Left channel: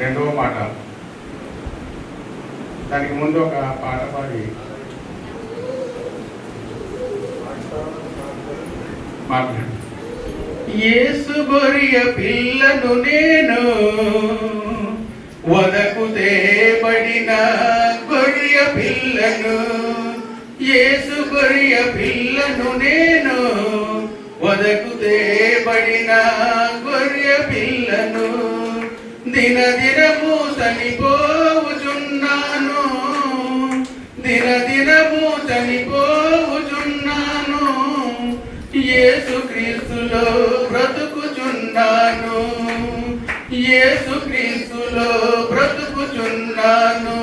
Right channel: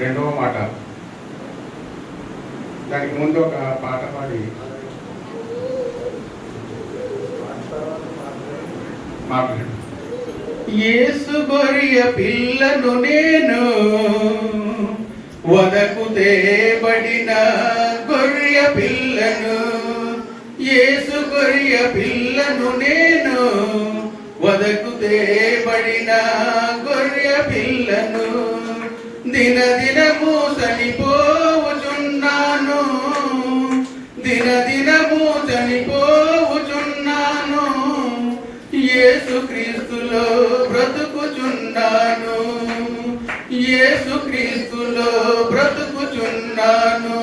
రెండవ మాట. దానికి ముందు ఒక పాట పాడి మాట్లాడు. యేసు గొర్రె పిల్లను నేను, వదకు తేబడిన గొర్రె పిల్లను. యేసు గొర్రె పిల్లను నేను, వదకు తేబడిన గొర్రె పిల్లను. దినదినము చనిపోవుచున్నాను, దినదినము చనిపోవుచున్నాను. యేసు క్రీస్తులో బ్రతుకుచున్నాను, యేసు క్రీస్తులో బ్రతుకుచున్నాను.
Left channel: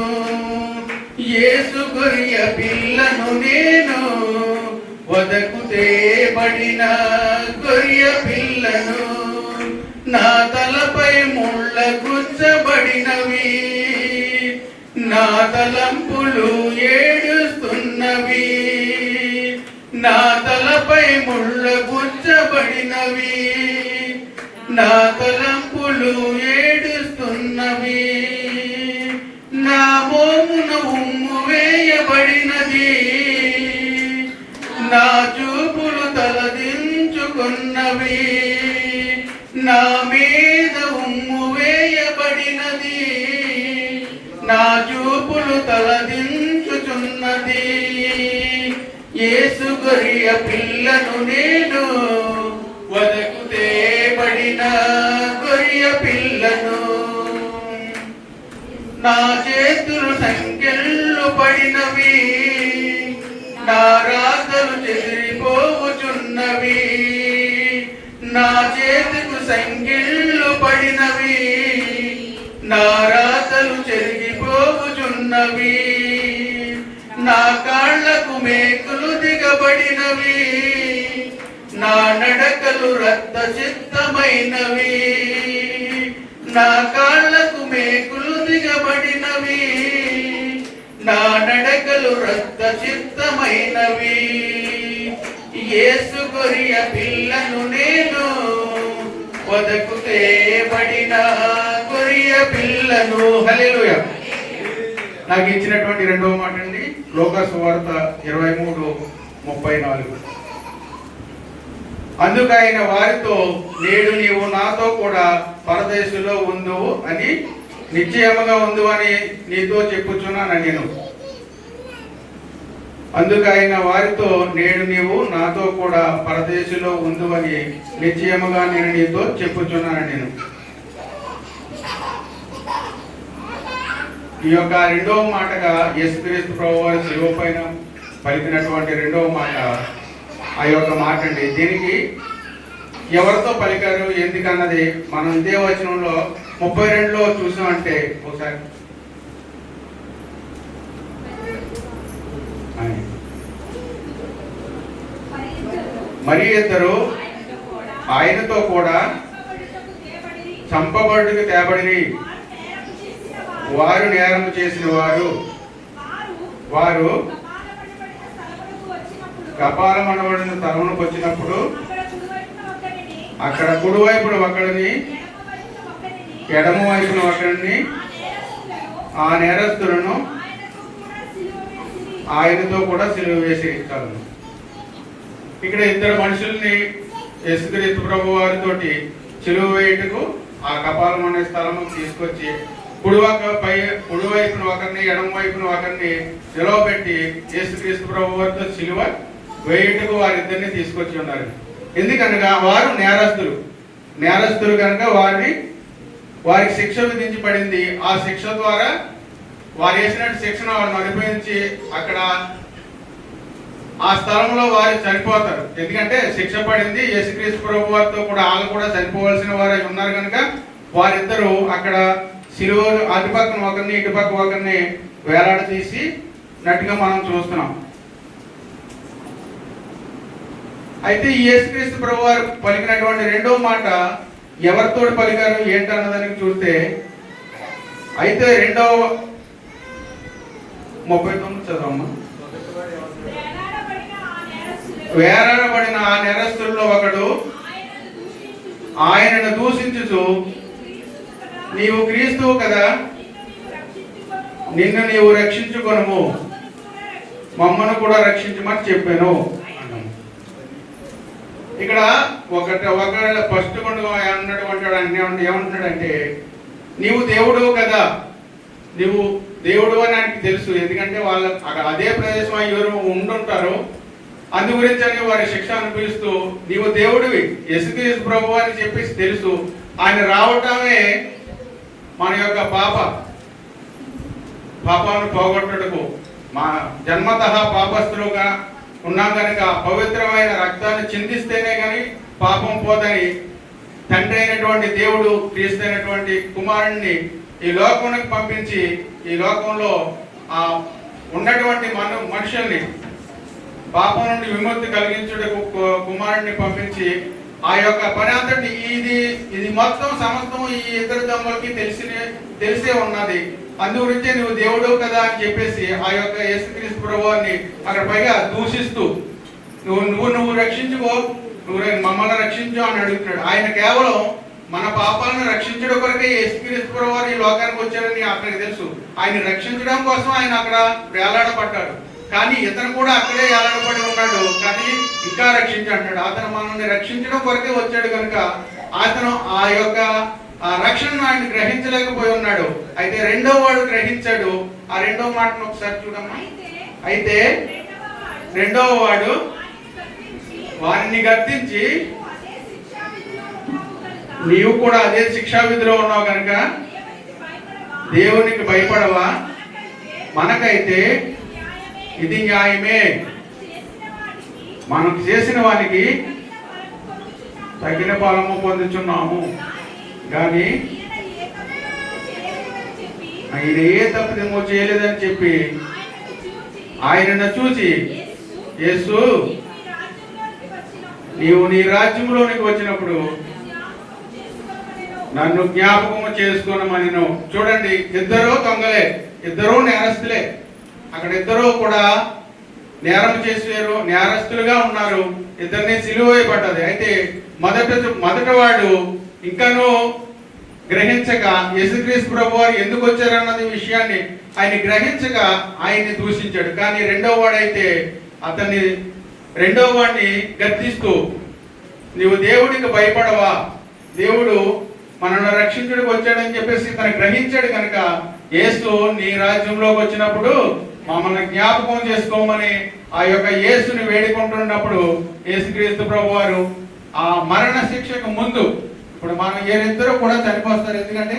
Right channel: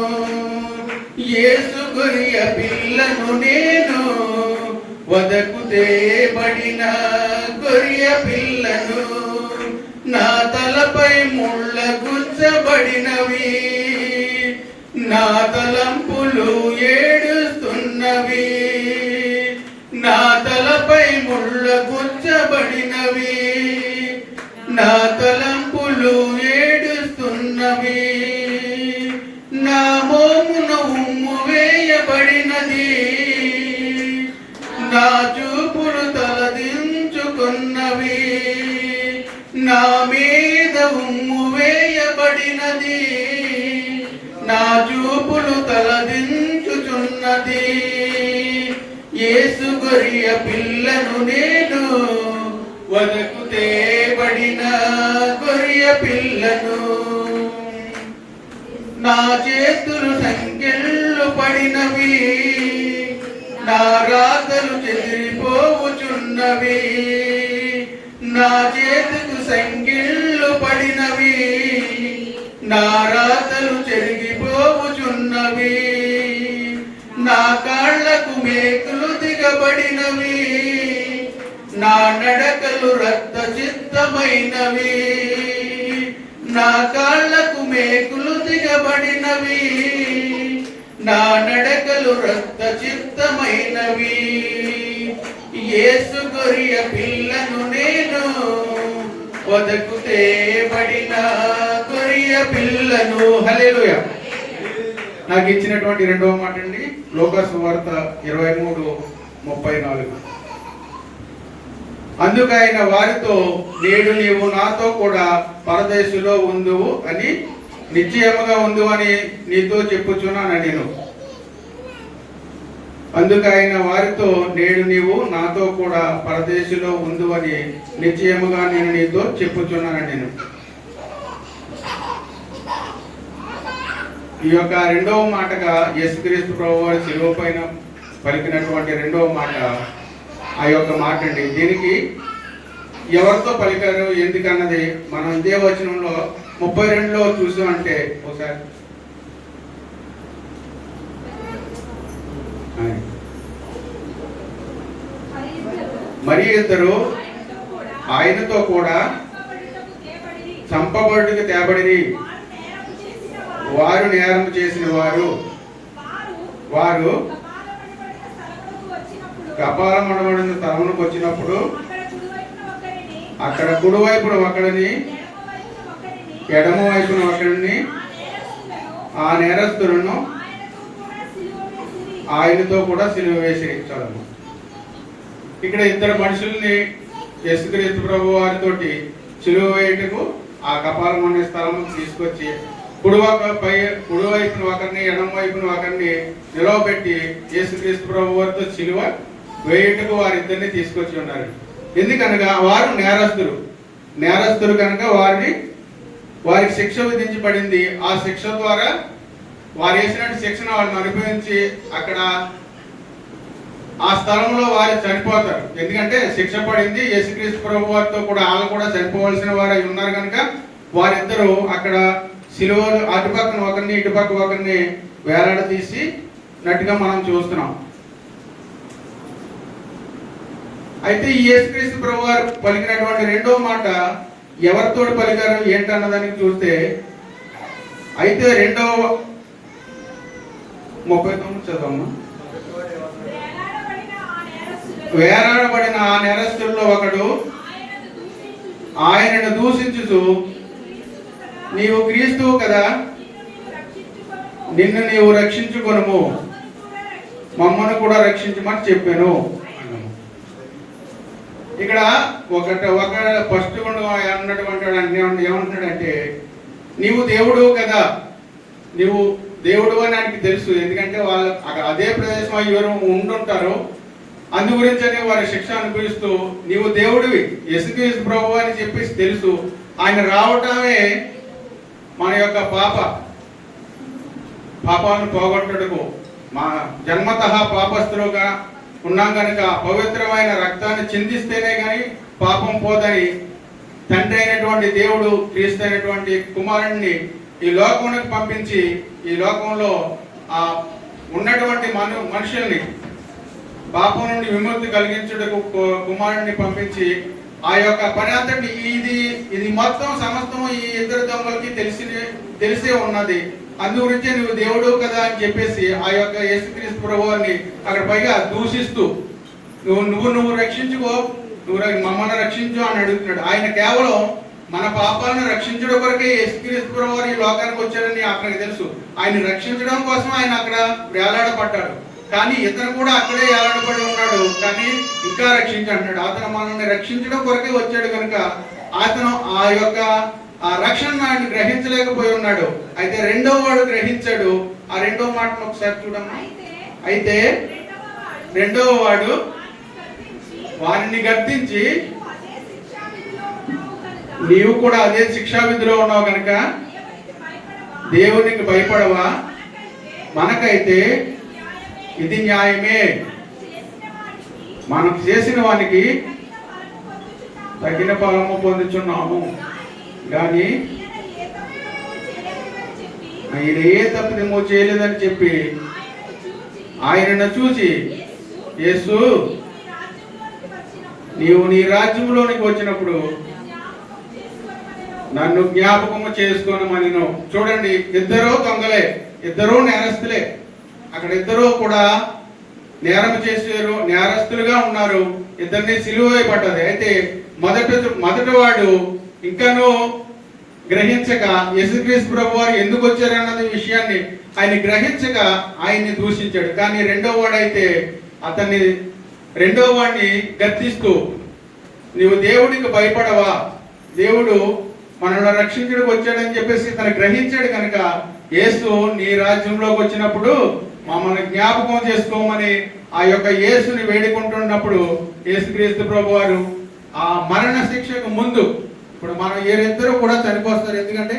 యేసు గొర్రె పిల్లను నేను, వదకు తేబడిన గొర్రె పిల్లను. నా తలపై ముళ్ళ గుచ్చబడినవి, నా తలంపులు ఏడుస్తున్నవి. నా తలపై ముళ్ళ గుచ్చబడినవి, నా తలంపులు ఏడుస్తున్నవి. నా మోమున ఉమ్ము వేయబడినది, నా చూపులు తలదించుకున్నవి. నా మీద ఉమ్ము వేయబడినది, నా చూపులు తలదించుచున్నది. యేసు గొర్రె పిల్లను నేను, వదకు తేబడిన గొర్రె పిల్లను. నా చేతులు సంకెళ్ళు పడినవి, నా రాతలు చెదిరిపోవుచున్నవి. నా చేతుకు సంకెళ్ళు పడినవి, నా రాతలు చెరిగిపోవుచున్నవి. నా కాళ్లకు మేకులు దిగబడినవి, నా నడకలు రక్త చిత్తమైనవి. నా కాళ్లకు మేకులు దిగబడినవి, నా నడకలు రక్త చిత్తమైనవి. యేసు గొర్రె పిల్లను నేను, వదకు తేబడిన గొర్రె పిల్లను. హల్లెలూయా. నాకు ఇచ్చినటువంటి రెండవ మాట అండి, లోకా సువార్త 23:34. అందుకైన వారితో, నేడు నీవు నాతో కూడా పరదేశులో ఉందువు అని, నిశ్చయముగా ఉందు అని నీతో చెప్పుచున్నాను నేను. అందుకైన వారితో, నేడు నీవు నాతో కూడా పరదేశులో ఉందు అని నిశ్చయముగా నేను నీతో చెప్పుచున్నాను నేను. ఈ యొక్క రెండవ మాటగా యేసుక్రీస్తు ప్రభువారు శిలువ పైన పలికినటువంటి రెండవ మాట ఆ యొక్క మాట అండి. దీనికి ఎవరితో పలికారు ఎందుకన్నది మనం ఇదే వచనంలో 32లో చూసామంటే, ఒకసారి మరి ఇద్దరు ఆయనతో కూడా చంపబడుటకు తేబడిరి. వారు నేరము చేసిన వారు కపాలమనబడిన స్థలమునకు వచ్చినప్పుడు అక్కడ కుడివైపున ఒకడిని, ఎడమ వైపున ఒకడిని, ఆ నేరస్తులను ఆయనతో కూడా సిలువ వేసి ఇచ్చారు. ఇక్కడ ఇద్దరు మనుషుల్ని యేసుక్రీస్తు ప్రభు వారితో సిలువ వేయుటకు ఆ కపాలం అనే స్థలము తీసుకొచ్చి కుడివైపున ఒకరిని, ఎడమ వైపున ఒకరిని నిలవబెట్టి యేసుక్రీస్తు ప్రభు వారితో సిలువ వేయుటకు వారిద్దరిని తీసుకొచ్చి ఉన్నారు. ఎందుకనగా వారు నేరస్తులు కనుక వారికి శిక్ష విధించబడింది. ఆ శిక్ష ద్వారా వారు వేసినట్టు శిక్షను వాళ్ళని అనుభవించి అక్కడ ఆ స్థలంలో వారు చనిపోతారు. ఎందుకంటే శిక్ష పడింది. యేసుక్రీస్తు ప్రభు వారితో కూడా వాళ్ళు కూడా చనిపోవాల్సిన వారు ఉన్నారు కనుక వారిద్దరూ అక్కడ సిలువ అటుపక్కన ఒకరిని, ఇటుపక్క ఒకరిని వేలాడదీసి నట్టుగా మనం చూస్తున్నాం. అయితే ఈ యేసుక్రీస్తు ప్రభు వారు పలికినటువంటి రెండో మాట ఎవరితో పలికారు ఏంటన్నదానికి చూస్తే, అయితే 2:39 చదవమ్మా. వేలాడబడిన ఆ నేరస్తుల్లో ఒకడు ఆయనను దూషించుచు నీవు క్రీస్తువు కదా, నిన్ను నీవు రక్షించుకొనుము, మమ్మల్ని కూడా రక్షించమని చెప్పాను అన్నాము. ఇక్కడ ఒక ఫస్ట్ ఏమంటున్నాడంటే, నీవు దేవుడు కదా, నీవు దేవుడు అని ఆయనకి తెలుసు. ఎందుకంటే వాళ్ళు అక్కడ అదే ప్రదేశం ఎవరు ఉండుంటారు, అందు గురించి అని వారి శిక్ష అనుభవిస్తూ నీవు దేవుడివి యేసుక్రీస్తు ప్రభువు అని చెప్పేసి తెలుసు. ఆయన రావటమే మన యొక్క పాపాలను పోగొట్టడుకు, మా జన్మతః పాపస్తులుగా ఉన్నాం కనుక పవిత్రమైన రక్తాన్ని చిందిస్తేనే కానీ పాపం పోదని తండ్రి అయినటువంటి దేవుడు క్రీస్తు అయినటువంటి కుమారుణ్ణి ఈ లోకానికి పంపించి ఈ లోకంలో ఉన్నటువంటి మనుషుల్ని పాపం నుండి విముక్తి కలిగించుటకు కుమారుడిని పంపించి ఆ యొక్క పని అంతటి ఇది మొత్తం సమస్తం ఈ ఇద్దరు దొంగలకి తెలిసే ఉన్నది. అందు గురించి నువ్వు దేవుడు కదా అని చెప్పేసి ఆ యొక్క యేసుక్రీస్తు ప్రభువుని అక్కడ పైగా దూషిస్తూ నువ్వు రక్షించుకో, నువ్వు మమ్మల్ని రక్షించు అని అడుగుతున్నాడు. ఆయన కేవలం మన పాపాలను రక్షించడం కొరకే యేసుక్రీస్తు ప్రభువు ఈ లోకానికి వచ్చారని అక్కడికి తెలుసు. ఆయన రక్షించడం కోసం ఆయన అక్కడ వేలాడపడ్డాడు. కానీ ఇతను కూడా అక్కడే ఏలాడపడి ఉన్నాడు, కానీ ఇంకా రక్షించంటాడు. అతను మనల్ని రక్షించడం కొరకే వచ్చాడు కనుక అతను ఆ యొక్క రక్షణను ఆయన గ్రహించలేకపోయి ఉన్నాడు. అయితే రెండో వాడు గ్రహించాడు. ఆ రెండో మాటను ఒకసారి చూడమ్మా. అయితే రెండవ వాడు వారిని గద్దించి, నీవు కూడా అదే శిక్షా విధిలో ఉన్నావు కనుక దేవునికి భయపడవా? మనకైతే ఇది న్యాయమే, మనం చేసిన వానికి తగిన ఫలము పొందుచున్నాము. కానీ ఆయన ఏ తప్పిదమో చేయలేదని చెప్పి ఆయనను చూసి, యేసు నీవు నీ రాజ్యంలోనికి వచ్చినప్పుడు నన్ను జ్ఞాపకము చేసుకోనమనెను. చూడండి, ఇద్దరూ దొంగలే, ఇద్దరూ నేరస్తులే. అక్కడ ఇద్దరూ కూడా నేరం చేశారు, నేరస్తులుగా ఉన్నారు. ఇద్దరిని సిలువ వేయబడ్డది. అయితే మొదట వాడు ఇంకనూ గ్రహించక యేసుక్రీస్తు ప్రభువారు ఎందుకు వచ్చారన్నది విషయాన్ని ఆయన గ్రహించక ఆయన్ని దూషించాడు. కానీ రెండో వాడైతే రెండో వాడిని గద్దిస్తూ, నీవు దేవుడికి భయపడవా? దేవుడు మనల్ని రక్షించడానికి వచ్చాడని చెప్పేసి తను గ్రహించాడు కనుక యేసు నీ రాజ్యంలోకి వచ్చినప్పుడు మమ్మల్ని జ్ఞాపకం చేసుకోమని ఆ యొక్క యేసుని వేడుకుంటున్నప్పుడు యేసుక్రీస్తు ప్రభువారు ఆ మరణ శిక్షకు ముందు, ఇప్పుడు మనం వీరిద్దరూ కూడా చనిపోస్తారు. ఎందుకంటే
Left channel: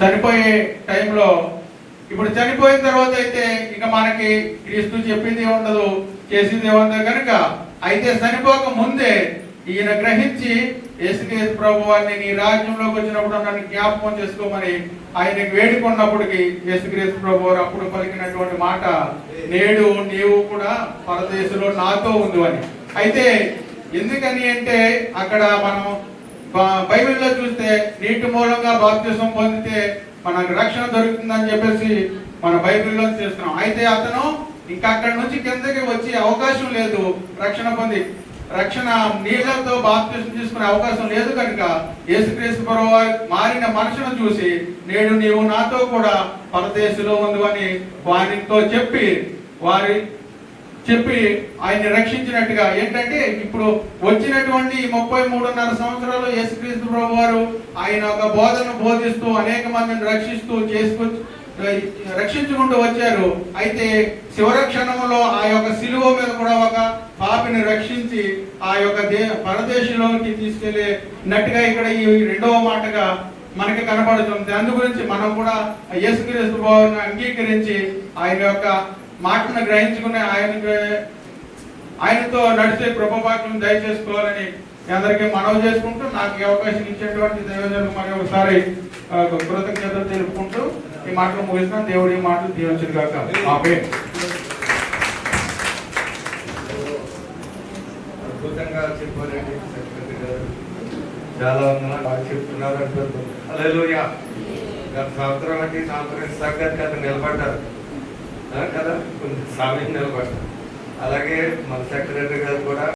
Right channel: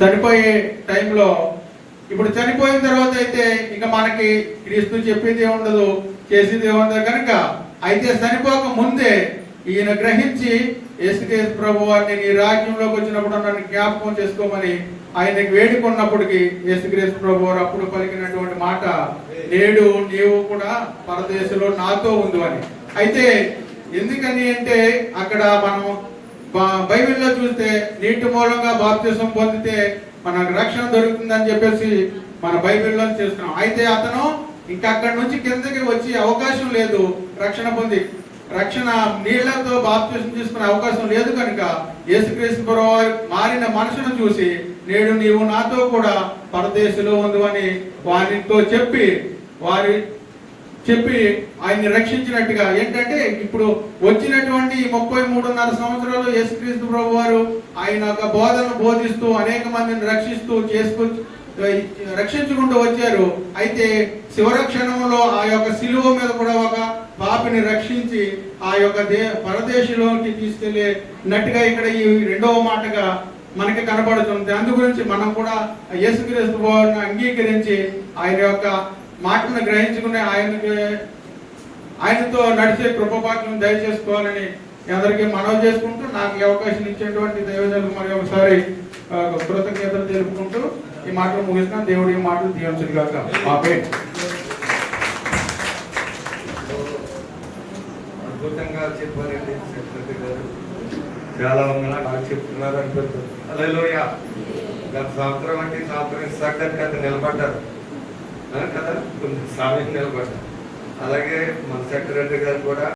చనిపోయే టైంలో, ఇప్పుడు చనిపోయిన తర్వాత అయితే ఇక మనకి క్రీస్తు చెప్పింది ఏముండదు, చేసింది ఏముండదు కనుక, అయితే చనిపోక ముందే ఈయన గ్రహించి యేసుక్రీస్తు ప్రభువారిని నీ రాజ్యంలోకి వచ్చినప్పుడు నన్ను జ్ఞాపకం చేసుకోమని ఆయన వేడుకున్నప్పటికీ యేసుక్రీస్తు ప్రభువారు అప్పుడు పలికినటువంటి మాట, నేడు నీవు కూడా పరదేశంలో నాతో ఉంది అని. అయితే ఎందుకని అంటే అక్కడ మనం బైబిల్లో చూస్తే నీటి మూలంగా బాప్తిసం పొందితే మనకు రక్షణ దొరుకుతుందని చెప్పేసి మన బైబిల్లో చేస్తున్నాం. అయితే అతను ఇంకా అక్కడి నుంచి కిందకి వచ్చే అవకాశం లేదు, రక్షణ నీళ్లతో బాప్తిసం తీసుకునే అవకాశం లేదు కనుక యేసుక్రీస్తు ప్రభువారు మారిన మనుషును చూసి, నేడు నీవు నాతో కూడా పరదేశంలో ఉంది అని వారితో చెప్పి ఆయన్ని రక్షించినట్టుగా. ఏంటంటే ఇప్పుడు వచ్చినటువంటి 33.5 సంవత్సరాలు యేసుక్రీస్తు ప్రభువారు ఆయన ఒక బోధనను బోధిస్తూ అనేక మందిని రక్షించుకుంటూ వచ్చారు. అయితే శివరక్షణంలో ఆ యొక్క శిలువ మీద కూడా ఒక పాపిని రక్షించి ఆ యొక్క పరదేశంలోకి తీసుకెళ్ళినట్టుగా ఇక్కడ ఈ రెండవ మాటగా మనకి కనబడుతుంది. అందు గురించి మనం కూడా యేసుక్రీస్తు ప్రభువుని అంగీకరించి ఆయన యొక్క మాటను గ్రహించుకుని ఆయనతో నడిచే కృపభాగ్యం దయచేసుకోవాలని అందరికీ మనవి చేసుకుంటూ, నాకు అవకాశం ఇచ్చేటువంటి దైవజనులకు మరి ఒకసారి కృతజ్ఞతలు తెలుపుకుంటూ ఈ మాటలు ముగిస్తాను. దేవుడి ఈ మాటలు దీవించును గాక. ఆమేన్. అద్భుతంగా చెప్పారండి. చాలా నాకు చెప్తున్నారు అనిపిస్తుంది. హల్లెలూయా. గత సంవత్సరం అంటే సంవత్సరం సంగతి కదా నిలబడ్డారు కదా, కొంచెం సమయం నిలబడ్డారు. అలాగే మన సెక్రటరీ గారు కూడా